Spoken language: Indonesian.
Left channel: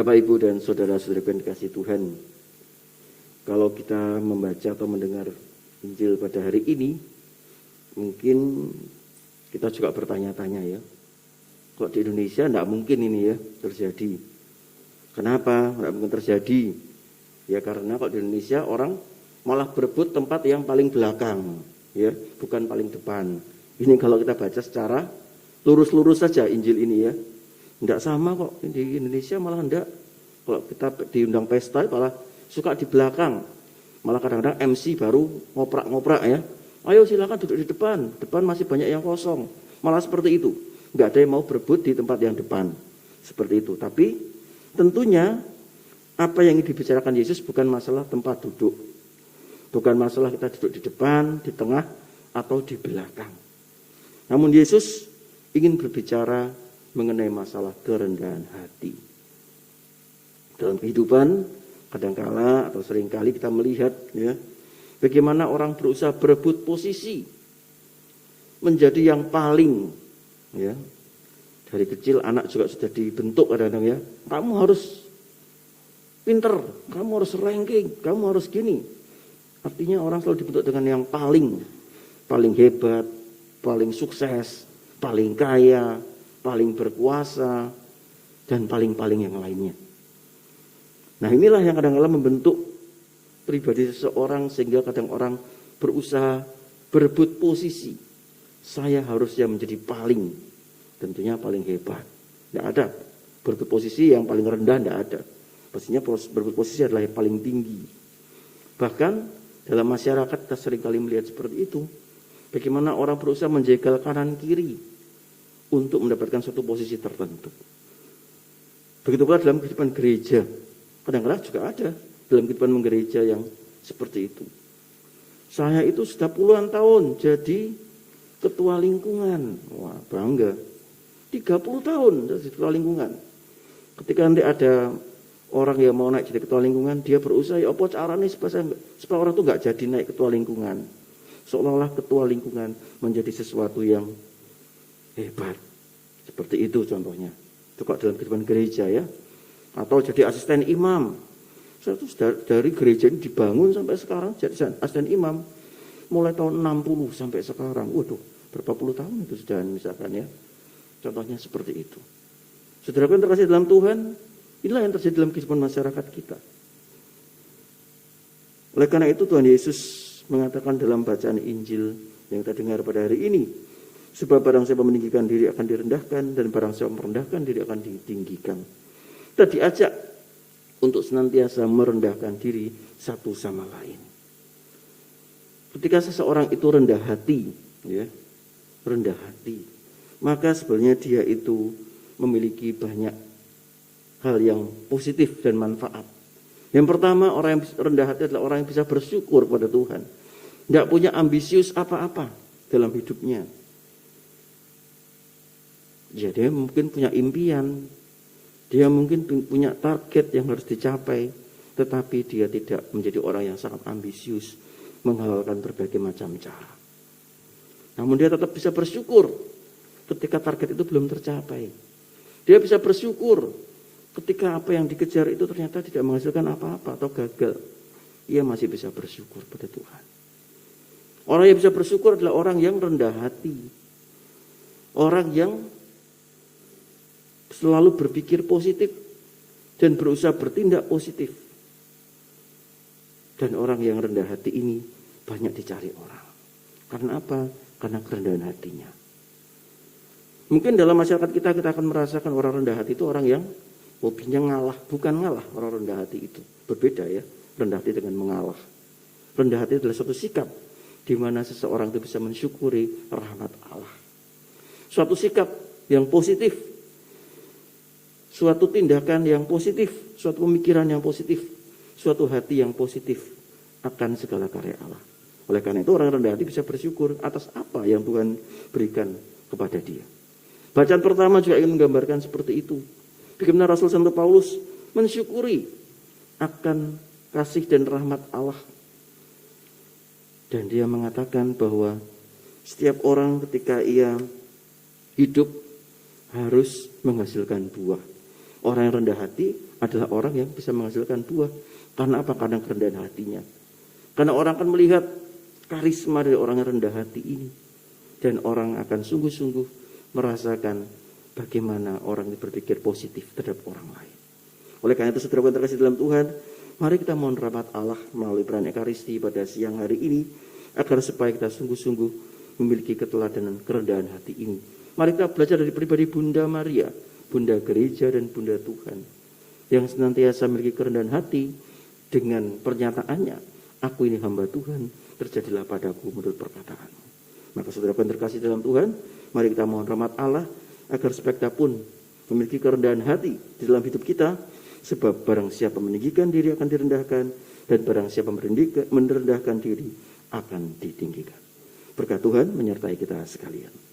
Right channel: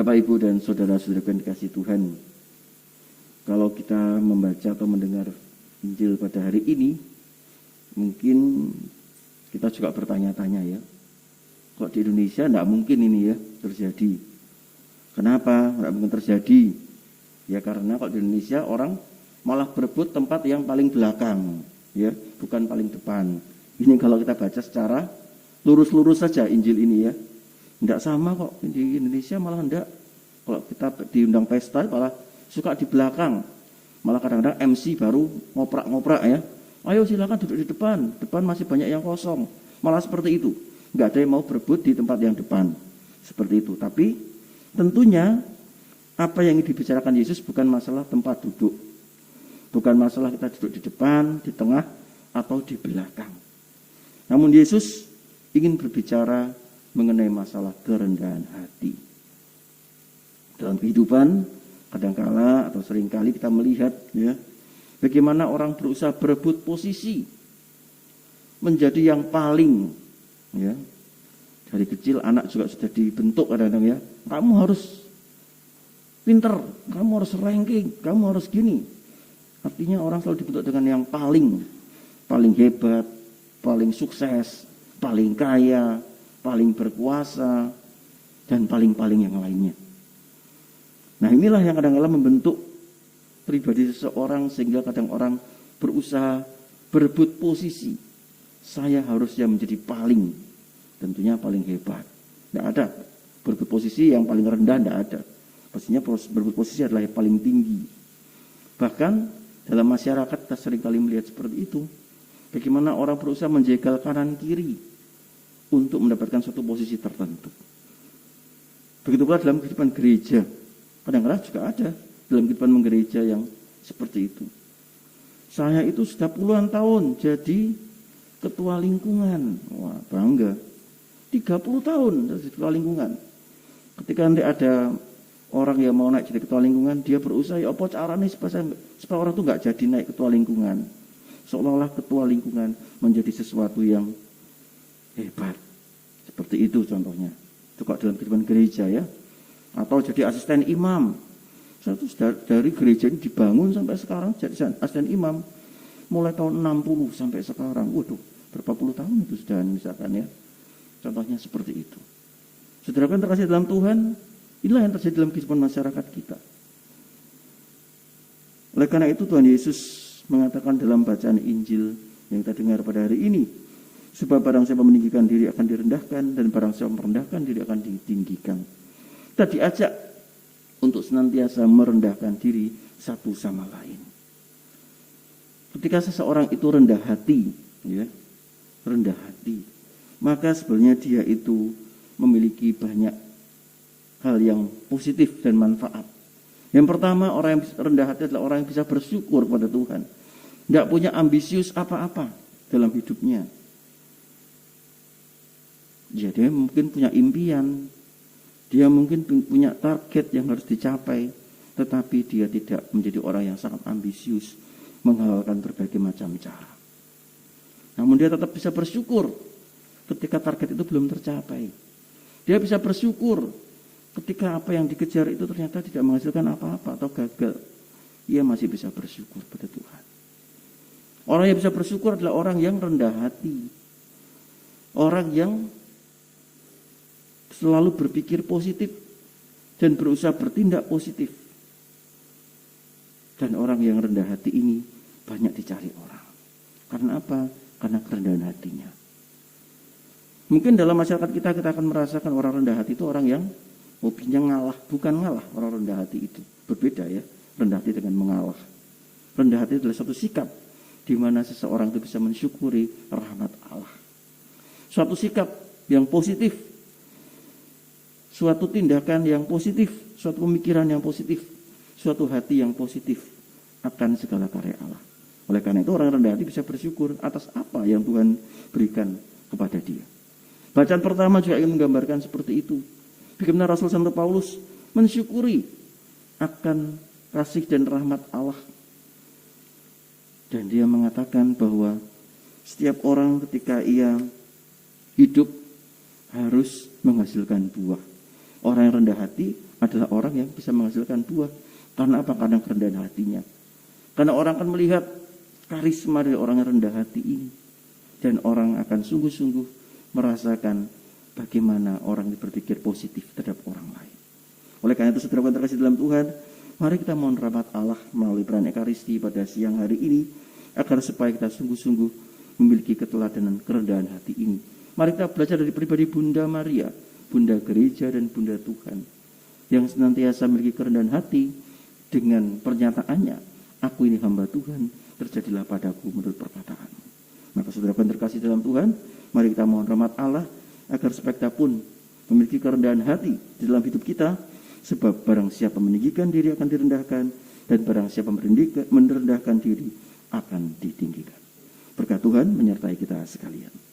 Bapak, Ibu, dan saudara-saudara yang dikasihi Tuhan, kalau kita membaca atau mendengar Injil pada hari ini, mungkin kita juga bertanya-tanya ya, kok di Indonesia tidak mungkin ini ya terjadi. Kenapa tidak mungkin terjadi? Ya karena kok di Indonesia orang malah berebut tempat yang paling belakang, ya bukan paling depan. Ini kalau kita baca secara lurus-lurus saja Injil ini ya. Tidak sama kok di Indonesia, malah tidak. Kalau kita diundang pesta malah suka di belakang. Malah kadang-kadang MC baru ngoprak-ngoprak ya. Ayo silakan duduk di depan, depan masih banyak yang kosong. Malah seperti itu. Enggak ada yang mau berebut di tempat yang depan. Seperti itu. Tapi tentunya apa yang dibicarakan Yesus bukan masalah tempat duduk. Bukan masalah kita duduk di depan, di tengah, atau di belakang. Namun Yesus ingin berbicara mengenai masalah kerendahan hati. Dalam kehidupan kadangkala atau seringkali kita melihat ya, bagaimana orang berusaha berebut posisi menjadi yang paling ya. Dari kecil anak juga sudah dibentuk kadang-kadang ya. Kamu harus pinter, kamu harus ranking, kamu harus gini. Artinya orang selalu dibentuk dengan yang paling hebat, paling sukses, paling kaya, paling berkuasa, dan paling-paling yang lainnya. Nah inilah yang kadang-kadang membentuk pribadi seseorang sehingga kadang orang berusaha berebut posisi. Saya harusnya menjadi paling, tentunya paling hebat. Tidak ada berebut posisi yang paling rendah, tidak ada. Pastinya berebut posisi adalah yang paling tinggi. Bahkan dalam masyarakat kita seringkali melihat seperti itu. Bagaimana orang berusaha menjegal kanan kiri untuk mendapatkan suatu posisi tertentu. Begitu pula dalam kehidupan gereja. Kadang-kadang juga ada dalam kehidupan gereja yang seperti itu. Saya itu sudah puluhan tahun jadi ketua lingkungan. Wah, bangga. 30 tahun jadi ketua lingkungan. Ketika nanti ada orang yang mau naik jadi ketua lingkungan, dia berusaha, ya apa caranya supaya orang itu nggak jadi naik ketua lingkungan. Seolah-olah ketua lingkungan menjadi sesuatu yang hebat. Seperti itu contohnya. Itu kok dalam kehidupan gereja ya. Atau jadi asisten imam. Dari gereja ini dibangun sampai sekarang jadi asisten imam. Mulai tahun 60 sampai sekarang. Waduh, berapa puluh tahun itu sudah misalkan ya. Contohnya seperti itu. Saudara yang terkasih dalam Tuhan, inilah yang terjadi dalam kehidupan masyarakat kita. Oleh karena itu Tuhan Yesus mengatakan dalam bacaan Injil yang kita dengar pada hari ini, sebab barang siapa meninggikan diri akan direndahkan, dan barang siapa merendahkan diri akan ditinggikan. Kita diajak untuk senantiasa merendahkan diri satu sama lain. Ketika seseorang itu rendah hati, ya, rendah hati, maka sebenarnya dia itu memiliki banyak hal yang positif dan manfaat. Yang pertama, orang yang rendah hati adalah orang yang bisa bersyukur pada Tuhan. Tidak punya ambisius apa-apa dalam hidupnya. Ya, dia mungkin punya impian, dia mungkin punya target yang harus dicapai, tetapi dia tidak menjadi orang yang sangat ambisius, menghalalkan berbagai macam cara. Namun dia tetap bisa bersyukur ketika target itu belum tercapai. Dia bisa bersyukur ketika apa yang dikejar itu ternyata tidak menghasilkan apa-apa atau gagal. Ia masih bisa bersyukur pada Tuhan. Orang yang bisa bersyukur adalah orang yang rendah hati. Orang yang selalu berpikir positif dan berusaha bertindak positif. Dan orang yang rendah hati ini banyak dicari orang. Karena apa? Karena kerendahan hatinya. Mungkin dalam masyarakat kita akan merasakan orang rendah hati itu orang yang hobinya ngalah. Bukan ngalah orang rendah hati itu. Berbeda ya, rendah hati dengan mengalah. Rendah hati adalah suatu sikap di mana seseorang itu bisa mensyukuri rahmat Allah. Suatu sikap yang positif, suatu tindakan yang positif, suatu pemikiran yang positif, suatu hati yang positif akan segala karya Allah. Oleh karena itu orang rendah hati bisa bersyukur atas apa yang Tuhan berikan kepada dia. Bacaan pertama juga ingin menggambarkan seperti itu. Bagaimana Rasul Santo Paulus mensyukuri akan kasih dan rahmat Allah. Dan dia mengatakan bahwa setiap orang ketika ia hidup harus menghasilkan buah. Orang yang rendah hati adalah orang yang bisa menghasilkan buah. Karena apa? Karena kerendahan hatinya. Karena orang akan melihat karisma dari orang yang rendah hati ini. Dan orang akan sungguh-sungguh merasakan bagaimana orang ini berpikir positif terhadap orang lain. Oleh karena itu, saudara terkasih dalam Tuhan, mari kita mohon rahmat Allah melalui peran Ekaristi pada siang hari ini, agar supaya kita sungguh-sungguh memiliki keteladanan kerendahan hati ini. Mari kita belajar dari pribadi Bunda Maria, Bunda Gereja dan Bunda Tuhan, yang senantiasa memiliki kerendahan hati dengan pernyataannya, aku ini hamba Tuhan, terjadilah padaku menurut perkataanmu. Maka saudara yang terkasih dalam Tuhan, mari kita mohon rahmat Allah, agar supaya kita pun memiliki kerendahan hati di dalam hidup kita, sebab barang siapa meninggikan diri akan direndahkan, dan barang siapa merendahkan diri akan ditinggikan. Berkat Tuhan menyertai kita sekalian.